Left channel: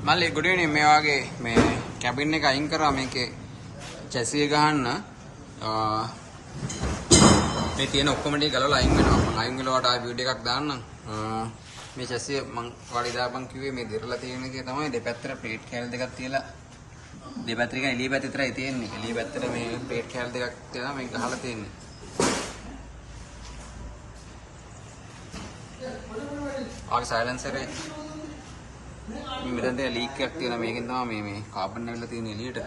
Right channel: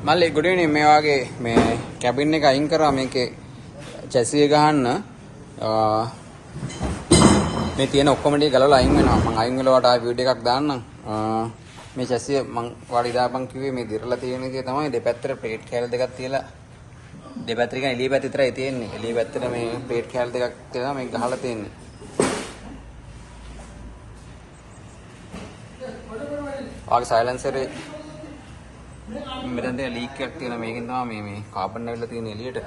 මල්ලි good evening මේ වගේ මේ කැබින් එක අයින් කරා මේකේ චැසි එක ගහන්න මේ තියෙන ඔක්කොම ටික ගලවලා අයින් වෙනවා මම අයින් වෙලවට ආයෙ වීඩියෝ එකක් දාන්නම් මේ චැසිය මම වාඩි දාපන් කිව්වේ මේ දිරලා තියෙන විදිය තමයි දෙපැත්තට ප්ලේට් කෑලි දෙකක් තියලා දෙපැත්තට කියන එළිය පැත්ත විතරයි තියෙන්නේ එළිය පැත්තට මේ ප්ලේට් කෑලි දෙකක් තියලා මේක ගහලා තියෙන්නේ ආගේ සයිලන්සර් මෙතන තියෙන ලීක් එකක් තියෙනවා මේකෙන් තමයි මේ කාබන් නැවිලා තියෙන එළියට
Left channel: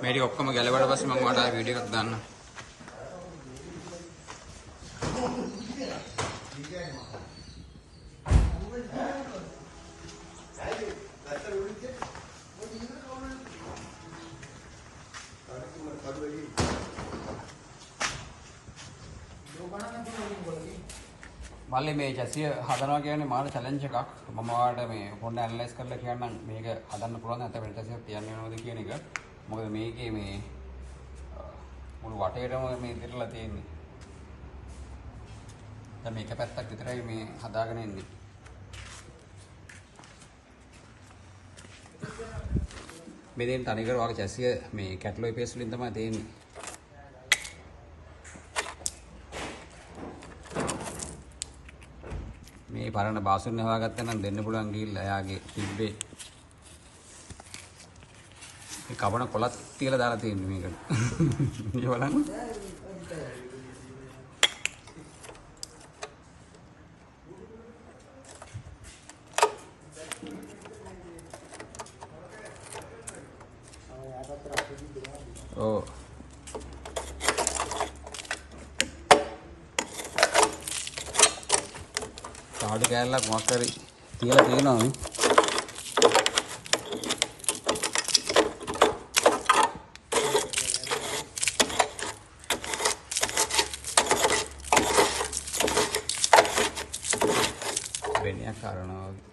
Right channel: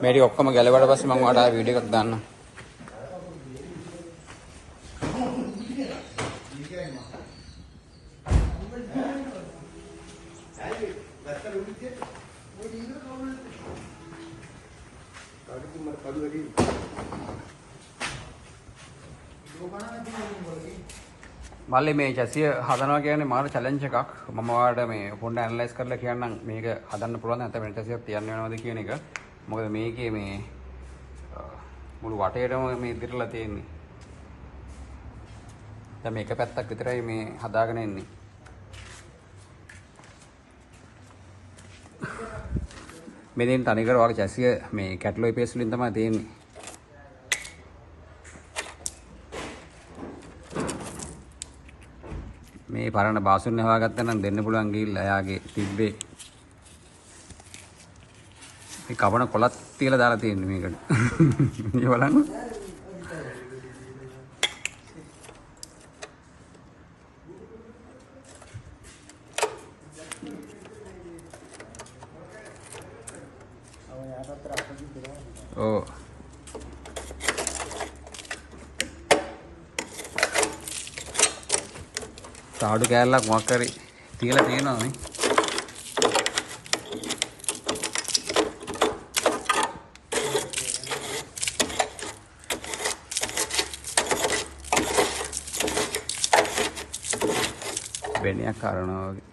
මේ ටික ඔක්කොම ගැලවුවාට පස්සේ මම ඔයාලට ආයෙ වීඩියෝ එකක් දාන්නම් මල්ලි මේ චැසිය හදනවා කියන්නේ මාන චැලෙන්ජ් එකක් මම ඔයාලට මේ පොඩ්ඩක් ඇනලයිස් කරලා කියන්නම් මේක හදන්න පුළුවන් නැත්නම් වෙන චැසියක් තියන්න වෙනවද කියන එක මොකද මේකේ මේ මුළු වටේටම මේ දිරලා තියෙන්නේ දැන් මේක පැත්තක් විතරයි මේ හදාගෙන ඉන්නේ මෙතෙන් තනිකර ඔයාගේ චැසිය මේ කැටලොයි පේස් වලින් තමයි තියෙන්නේ මේ පරණ බාසුන් හොයාගත්තා නම් දෙන්න පුළුවන් ගිහිල්ලා එයාගේ තිබ්බේ මේ කවණ කොලත් තියලා දාලා තියෙන්නේ මේකට මේ බලන්න ඕ තාඩු කෑල්ලක් මොකක් හරි තියලා තියෙනවා මේ වෙනයක් කරනවා වගේ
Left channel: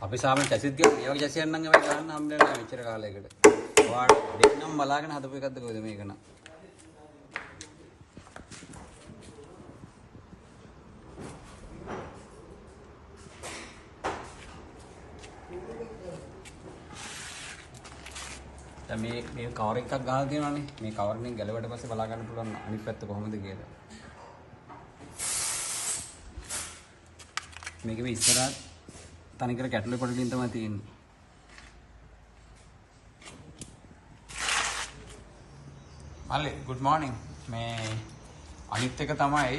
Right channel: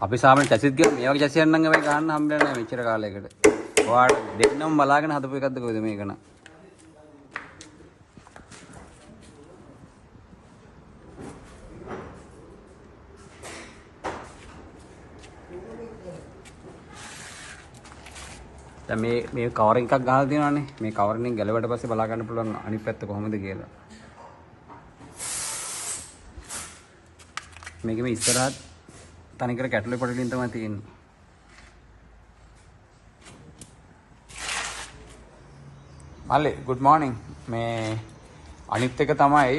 අපි සාමාන්‍ය චැසිත් ගියා මේ වගේ චැසියක් නම් අපි ගන්න හම්බෙන්නේ නැහැ මෙච්චර කාලයකට. ඔයාලා දෙන්නම බලාගෙන හදපු එකක්ද කොහෙද මේක න ะ? දැන් මේ කවරින් එකක් ගහලා තියෙනවානේ. මේ කවරින් එක ගැලවෙට පස්සේ බලා ගන්න පුළුවන් අනිත් පැත්ත කොහොමද කියලා. මේක මේ ඉස්සරහට තනිකර කැටලොයි පොඩලින් තමයි තියෙන්නේ. මල්ලි good morning. මේ අනිත් එක තමයි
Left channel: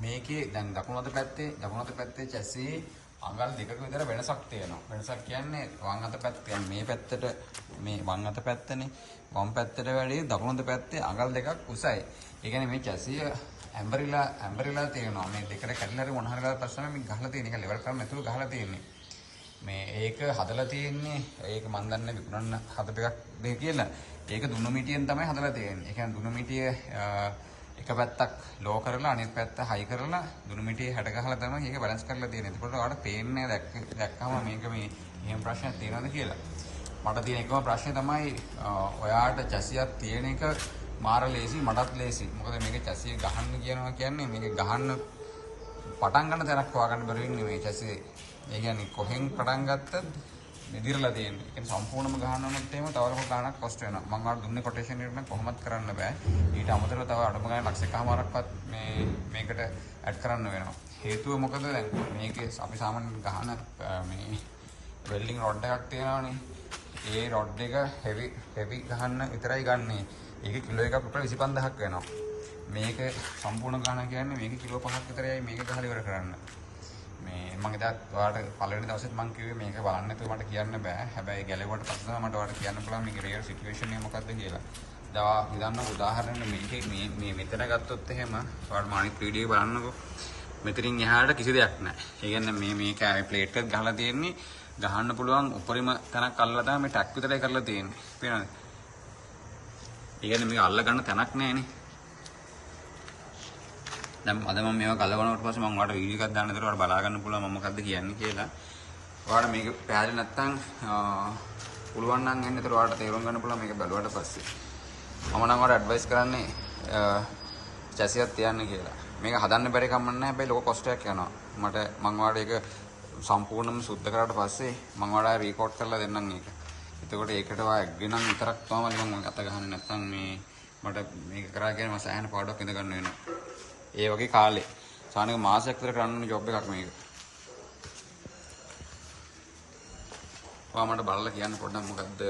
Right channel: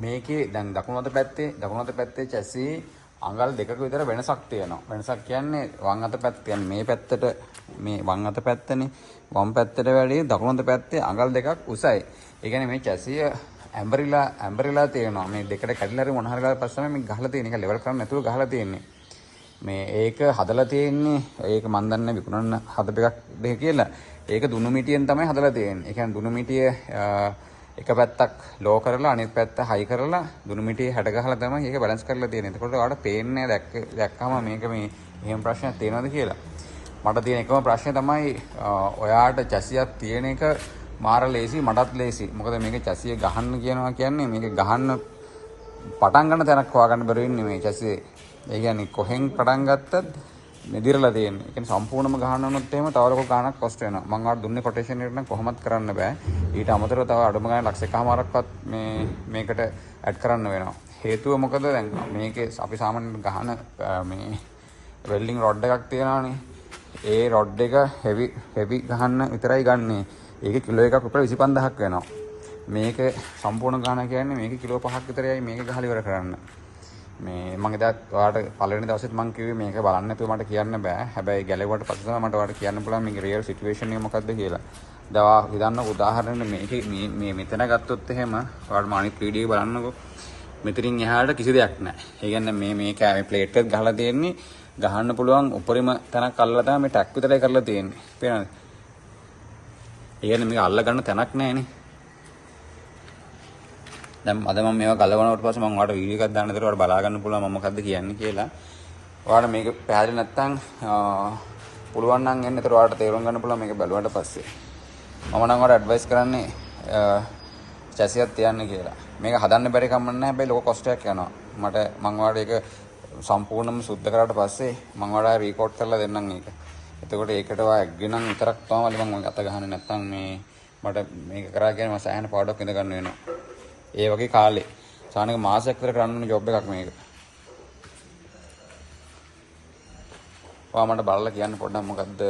මේකේ දැන් දකුණු අත පැත්තේ චැසි අඟල් දෙකක විතර වෙනසක් තියෙනවා. වෙනසක් කියන්නේ වම් අත පැත්ත කියන්නේ මේ පැත්තට මේ වම් අත පැත්තනේ වම් පැත්තට වැඩි දකුණු අත පැත්තේ අඟල් දෙකක් උසයි. ඒ කියන්නේ මේ චැසිය ඇම්බරිලා තියෙනවා. මේ දෙකට කැඩිලා හරි මොන හරි ගාලා පස්සේ මේ ගහලා තියෙන එක ලෙවල් කරන්න නැතුව ගහලා තියෙන්නේ. මේ ඒක හදලා තියෙන්නේ ඒක මන් දන්නේ විකුණන්න හදපු එකක් දෙක කියලා. ඒක දුනු මිටියෙන් තමයි හදලා තියෙන්නේ. ඒ කියන්නේ දුනු මිටිය එක පැත්තක් ලෝ කරලා අනිත් පැත්ත හයි කරලා දුනු මිටියේ හැඩ ගහලා තමයි ඒක බැලන්ස් කරලා තියෙන්නේ. ඒකට ඔයාලට පේන්නේ දැක්කම මේක මේ එහෙම ප්‍රශ්නයක් තියෙනවද කියලා. මට තියෙන එකම ප්‍රශ්නේ තමයි ඔයාට චැසියක් තියෙන එක මාර ලේසි මටත් ලේසි. මොකද මේක චැසිය ගහන්න කියනවා කියන්නේ මේක ගහන්න පටන් ගන්න තැනක් හොයාගන්න බැරි වෙන්නේ මේ චැසියේ. ඒ කියන්නේ කොහෙන් පටන් ගත්තත් මෙදිරලා තියෙන්නේ. ඒ කියන්නේ සම්පූර්ණයෙන්ම ගහන්න වුණොත් එහෙම තව ලොකු ගාණක් කොස්ට් වෙනවා. මම ආට දුන්නේ කොටේෂන් එකට නම් කොහොමත් කරන්න බෑ. ඊට අමතරව තව අඩුම ගානේ ලක්ෂ එකමාරක්වත් මේකට ඇඩ් කරන්න වෙනවා. හේතුව මොකද දැන් මේකේ අපි සාමාන්‍යයෙන් ගහන මේ වෙල්ඩින් රොඩ් එකක් තියෙනවානේ. ඒ රොඩ් එක හෙවි ගහන්න විතරයි ගන්නෙ. ඒක කිලෝ එකක් විතර 25000ක් වෙනවා. මේක සම්පූර්ණ ගහන කියන්නේ මේක කිලෝ 5ක් විතරයි මේක ගහලා ඉවර කරන්න. මේ මම එදා ඔයාලට පළවෙනි දවසෙත් මම කිව්වේ මේක බලන්න නැතුව මට කියන්න බෑ. හැබැයි ගැලෙවුවට පස්සේ තමයි මට ඔයාලට කියන්න පුළුවන් මේකේ රියල් සිටුේෂන් එක මොකක්ද කියලා. දැන් හිතන්න උදාහරණයක් මේකේ මේ මෙතන ගත්තොත් එහෙම ඔයාලට මම අනිත් වීඩියෝ එක බලන්නකෝ. මෙතනින් එහාට කිසි දෙයක් නැහැ. ඒ කියන්නේ මේ කෑමේ ප්ලේට් එක ගහලා තියෙන්නේ ගහන්න පුළුවන් උපරිම තැනක් අල්ලලා තමයි මේ ටැක් විතරයි කරලා තියෙන්නේ. පේනවද? ඒ කියන්නේ මේක අල්ල ගන්න තැනක් නැහැනේ. දැන් අද මම මේවා ගලවනකොට පස්සේ මම ඔයාලට වීඩියෝ එකක් දාන්න දෙතර ඔයාලට බලා ගන්න පුළුවන් මම මොකද්ද කියන්නේ කියලා. ඔයාලට මේක පැහැදිලි නැත්නම් පුළුවන් නම් එන්න ඒතර ඔයාලට තේරුම් ගන්න පුළුවන් මේක බැලුවාට පස්සේ. මම නම් ඔයාලට ඇඩ්වයිස් කරන්නේ චැසියක් තියන්න කියලා. මේක හදන්න බැරි කම නැහැ හැබැයි ලොකු කොස්ට් එකක් යනවා. මම ඔයාලට ඒක සම්පූර්ණයෙන්ම සුද්ධ කරාට පස්සේ මම ඔයාලට රෙකෝඩ් කරලා දෙන්නම් ඒක. එතකොට ඒකට ඔයා ඇග්ගිනම් විතරක් තමයි මම අත ගහන්නේ නැත්නම් මට මේක කරා කියන්නේ මම සෑහෙන පාඩුවක් ඉඳ ගන්න වෙනවා. ඒ වගේ කාලේ සානක මාසයක් විතර කරන්න ඕන ජොබ් එකක් මේක. ඔයා මට බලලා කියන්න පොඩ්ඩක් මොකද්ද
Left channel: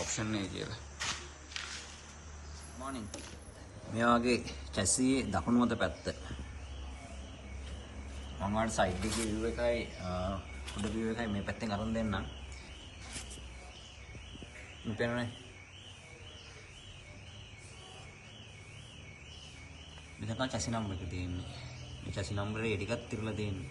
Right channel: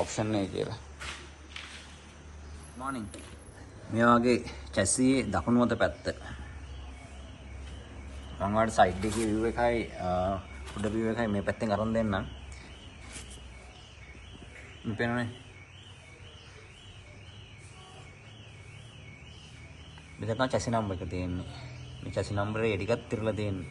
ඔප්ෂන් එක කියලා. මොර්නිං. මේ වගේ කැසියේ දකුණු අත පැත්ත. මම වල සයිඩ් එකේ view එකයි උඩ view එකයි මේ පැත්තෙන් අරන් දෙන්නම්. මේ පේනවනේ. මෙතන චැසි නම්බර් එක තියෙන්නේ. මේ චැසි නම්බර් එක ටිකක් තිරලා තියෙන්නේ.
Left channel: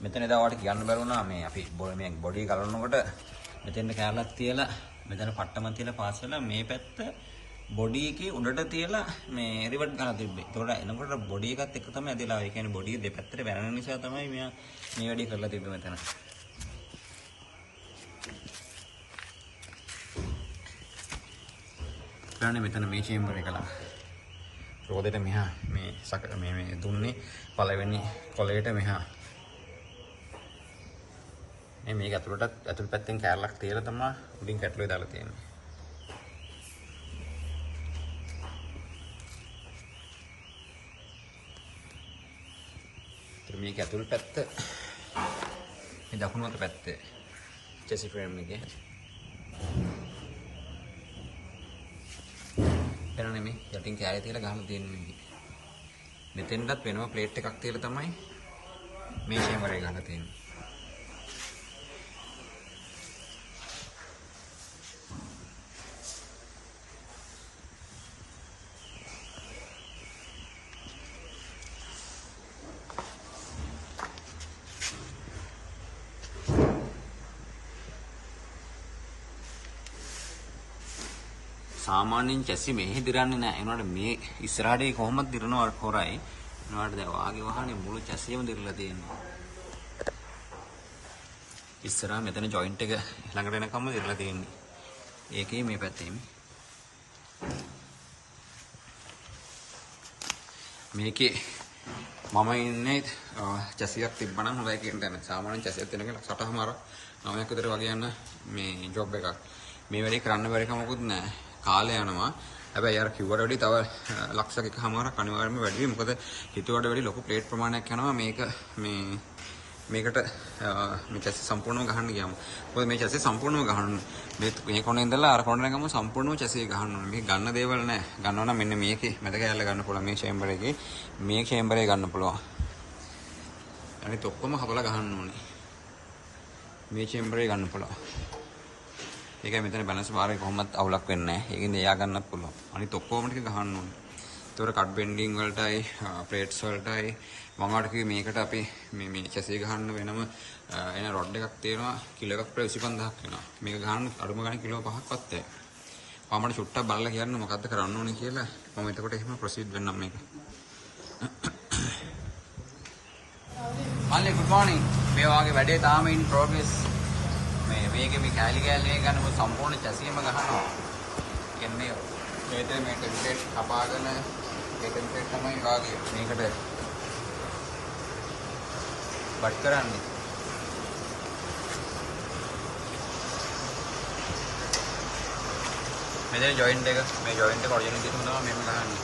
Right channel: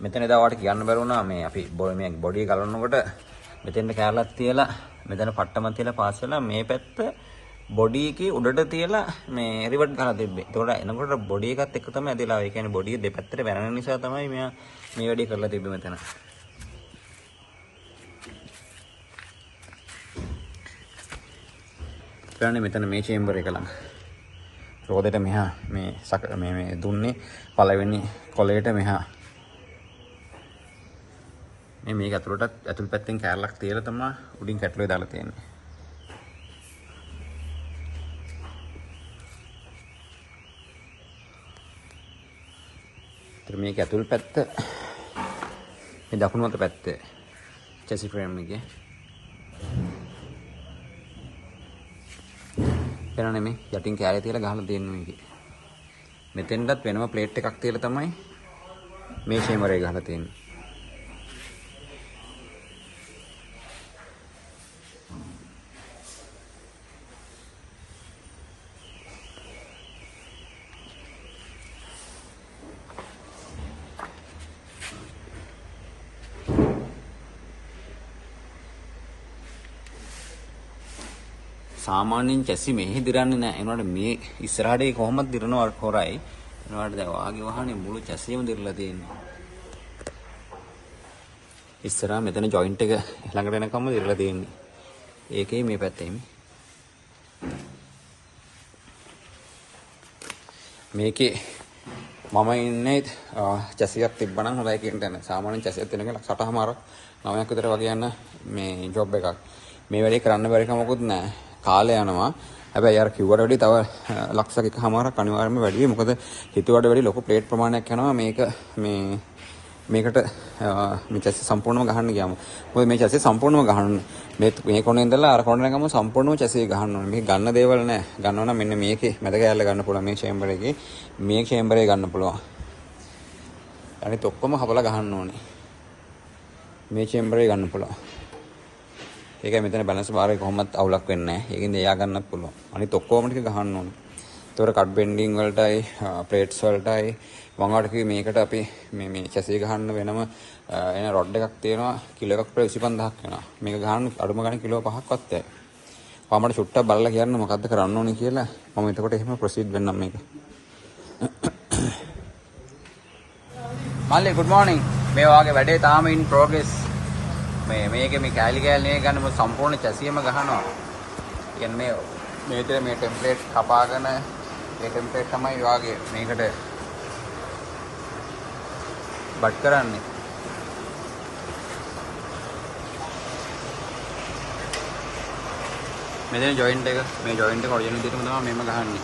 මෙතන එදා ඔයාලට කියන්න බැරි වුණා මේ අපි මේ බොඩි එක ගලවනකොට මෙතෙන්ට කැරලක් තියලා මෙතන පට්ටම තියලා පාස් වෙලා මේ පැත්ත බොඩි එකේ උඩට තියලා මේ රිවර්ට් කරලා තිබ්බේ. ඒකට එනකොට බොඩි එකත් එක්ක තමයි ඇදලා. ඒ කියන්නේ බොඩි එක දෙපැත්තට වැරෙන නිසා තමයි මෙයා මේ වැඩේ කරලා තිබ්බේ මෙතන. ඊළඟ මෙතන මේ චේම්බර් එක ළඟ. රෝදෙට මෙහා මේ දුන්නේ පළවෙනි කොලේට මෙහා. මේක ඇතුළට ඇතුල් පැත්තෙන් කැරලක් තියලා තමයි උඩින් කැටලුවේ දාලා තියෙන්නේ. මේක ඇතුල් පැත්ත මේ දකුණු අත පැත්ත චැසි ෆ්‍රේම් එකේ එනනේ මේ යටින් කැරේ තියලා ගහලා තියෙන්නේ මේකේ. මෙතෙන්ටත් වෙනම ප්ලේට් එකක් තියලා තමයි මේ චේම්බර් එක ගහලා තියෙන්නේ. සාමාන්‍යයෙන් චැසි මෙහෙ දිරන්නේ නැහැ. ඒනවාට මේ ඉස්සරහට කොහොමද දිරනවා හොරයි. ඒනවාට දැන් වාගේ වහනේ මුළු චැසියම දිරලා තියෙනවා. ඉස්සරහා මෙතන ජොයින්ට් එක ළඟට එනකම්ම දිරලා තියෙන්නේ. ඒකේ මේ පැත්තේ මේකේ මම ඉන්නේ චැසියක් තිබ්බනම් හොඳයි කියන තැන. සාමාන්‍යයෙන් චැසියක් දෙනකල 8මාරක් 9ක් විතර වගේ යන මේ ජොබ් එකක්. මේ වැඩේ කරන්න බැරි කමකුත් නැහැ. කාලය යනවා. හැබැයි අර කිව්වට වැඩි තව ලක්ෂ එකමාරක් අනිවාර්යයෙන්ම වැඩි වෙයි. මොකද හිතුවට වැඩි ලොකු ප්ලේට් ප්‍රමාණයක් යනවා මේක මේකට මේ චැසි සම්පූර්ණයෙන්ම ගහන්න ගියාම. මොකද මේ චැසි සම්පූර්ණයෙන්ම ගහන්න මේ කොනේ ඉඳලා අර කොනේ ගම සම්පූර්ණයෙන්ම චැසි ගහන්න ඕනේ. මේක ගන්න දේවල් නැහැ. ගන්නවා නම් මෙන්න මේකේ මැද කෑල්ල ගන්න පුළුවන් මේ චේම්බර් එකේ. මේ චේම්බර් එක ගන්න පුළුවන්. අනිත් ඔක්කොම හපලා ගහන්න ඕනේ. මේ චේම්බර් එක ගන්න පුළුවන්. ඒකයි මෙතන බැලන්ස් බාර් එක කොහොමවත් අවුලක් වෙන්නේ නැහැ. ඒකින්ද එයා ගන්නත් පුළුවන්. අනිත් ඔක්කොම ටික ගහන්න ඕනේ. ඒතොර කට් බෙන්ඩින් වලටයි ප්ලේට්ස් වලටයි වංගාවට කිව්වේ මේකට අපි මේ චැසි ගහන්න වෙනම එන රොඩ් එකක් තියෙනවා. කිලෝ එකක් විතර 25000ක් වෙනවා. මේක ගහන්න අඩුම ගානේ කිලෝ 5ක්වත් ඇයි. මට චුට්ටක් බලලා කියන්න මොකද්ද කරන්න ඕනේ කියලා. මම එතකොට එහෙම ප්‍රොසීඩ් වෙන්නම් මේක. මල්ලි good morning. මේ වාගේ වැඩේ තාම in progress. මේකේ මේ කැලි ගන්න මොකද සම්පූර්ණ චැසියම ගහනවා. කියන්නේ මේ විතර මේ ටෙම්ප්ලේට් කපාගෙන මේ ටෙම්ප්ලේට් තමයි වාගේ මේකට බට් කරන්නේ. මෙතන ජොයින්ට් එක මේ ජොයින්ට් එක ඔරිජිනල් විදිහටම තමයි මෙහෙම ගහන්නේ.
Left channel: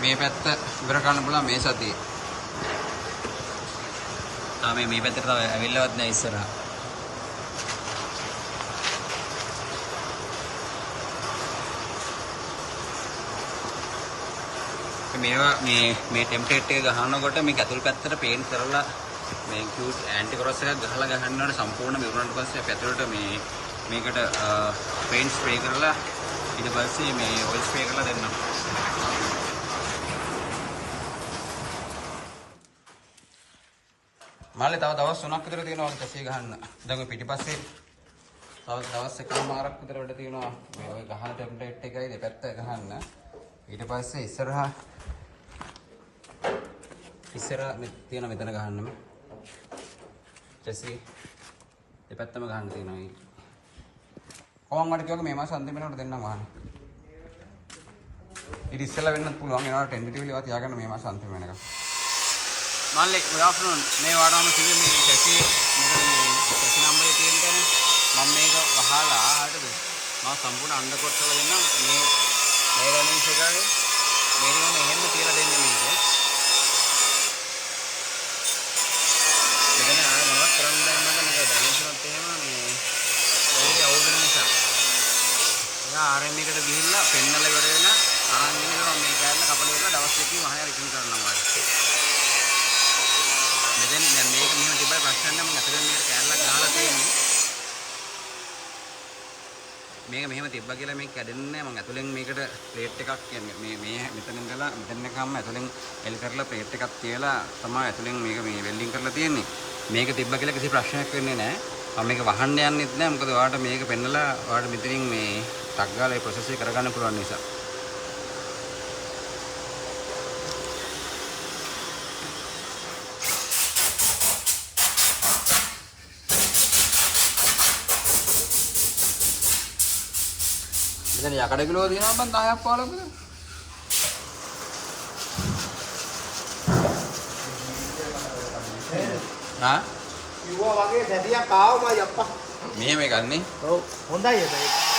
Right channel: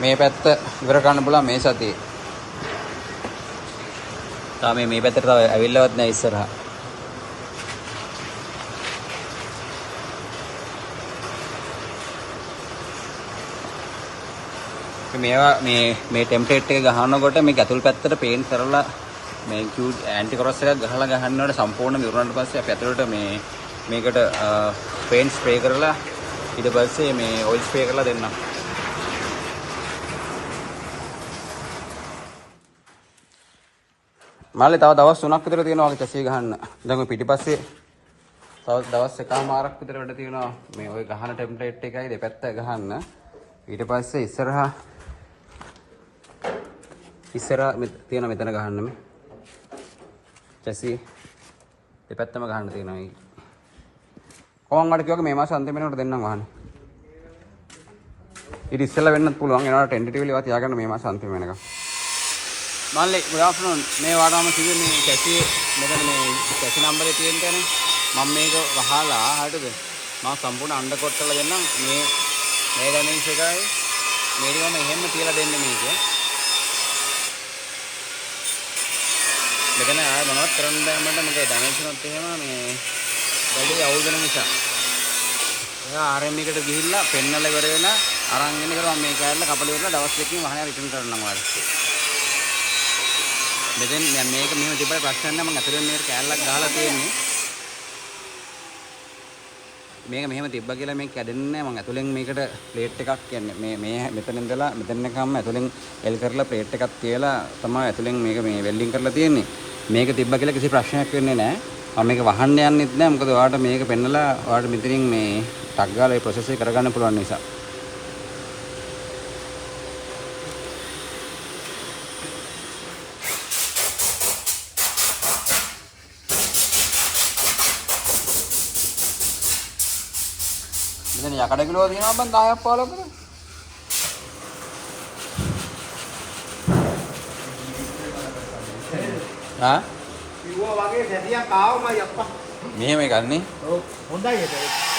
මේ පැත්ත ඉවර කරන්න පුළුවන් මේ සතියේ. මේ පැත්තට තව ඇවිල්ලවත් නැහැ ඉස්සරහා. මේවා මේ ටෙම්ප්ලේට් එක ගහනකොට මේක ඇතුල් පැත්තට පේන්ට් කරලා මේ කියුට් ඇන්ටි කොරස් එකක් ගහලා ගහනකොට සම්පූර්ණ විවරණට පස්සේ අපි ඇතුළට මේකට පේන්ට් ස්ප්‍රේ කරලා ඊට පස්සේ මේ ඔයිල් ස්ප්‍රේ කරලා දෙන්නම්. මාළේ තව දවස් 3ක් විතර තියෙනවා වගේ චැසි ගහන්න. දැන් ඔය පිටිපස්සේ තව දවස් එකමාරක් විතර වැඩ තියෙනවා මේ ඔය ගහන ටෙම්ප්ලේට් එකයි දෙපැත්ත ගහන්න. ඊට පස්සේ ඉස්සරහා තියෙන මෙතන ගහන්න මේ චැසි දෙපැත්තම ගහන්න තියෙනවා මේ. කොහොම හරි කිව්වක මේ මාස අන්තිම වෙනකොට දෙන්නම් වහන්නේ. ඊට ඉස්සෙල්ලා වෙන්නත් පුළුවන්. ඒනවල ටෙන්ටටිව්ලි ඒවා තියාගන්න මේ මාස අන්තිම වෙනකම්. මාල්ලේ good afternoon. මේ වාඩාම කිව්වේ මේ චැසි මෙතන මේ චැසි නම්බරේ තියෙන තැන මම මේක වහලා හරියද? මම සම්පූර්ණ අණ්ඩ කොට කරලා දෙන්නම්. මේ ඩැමේජ් එකයි මේක මම එහෙම තියලා දෙන්නේ මේක. මෙතන ආය මොනවත් කරන්න බෑ මට. මගේ ඩැමේජ් වුණොත් එහෙම මේ වැඩි අවුල් වෙන නිසා. එයා RM එකට ගිහිල්ලා පෙන්නලා ඉවර වෙන අරන් එන ඉතල මම මේ කෑල්ල කපලා ඉවරලා දවස් දෙකකින් වහනේ රිටර්න් කරන්නම් ඔයාලට. මෙතෙන් දැන් මේක මෙහෙම තිබ්බයි ප්‍රශ්න නැහැ. මම අතරින් මේකට කෑල්ලක් ගහලා තියෙන්නේ. මේක මෙහෙම තිබ්බා කියලා මේක කැඩෙන්නේ නැහැ. මම ඇතුලෙන් මේකට ප්ලේට් එකක් කියන්නේ මේ මෙතන ඉඳලා මෙතන එකම ඇතුලෙන් එල් කරලා ප්ලේට් එකක් තියලා තමයි ඇතුලෙන් මේක මේ වෙල්ඩින් කරලා තියෙන්නේ. මේක තිබ්බා කියලා කිසි ප්‍රශ්නයක් වෙන්නේ නැහැ. මම මේක වහන්න යන්නෙත් නැහැ. මොකද ඔයාලට මේක පෙන්නලා ඔයාලට මෙතනින් මේ ටක් ගාලා මේ ප්‍රොසෙස් එක කරගන්න පුළුවන් නිසා. ඉතින් යකඩ කිලෝ දිනනවා බං 10ක් 15ක්. හා? කිව්වා වගේ සැදියා කාවමයි අප්පා. මෙහෙම එකක් නේ. ඔව් හොඳයි ඒක.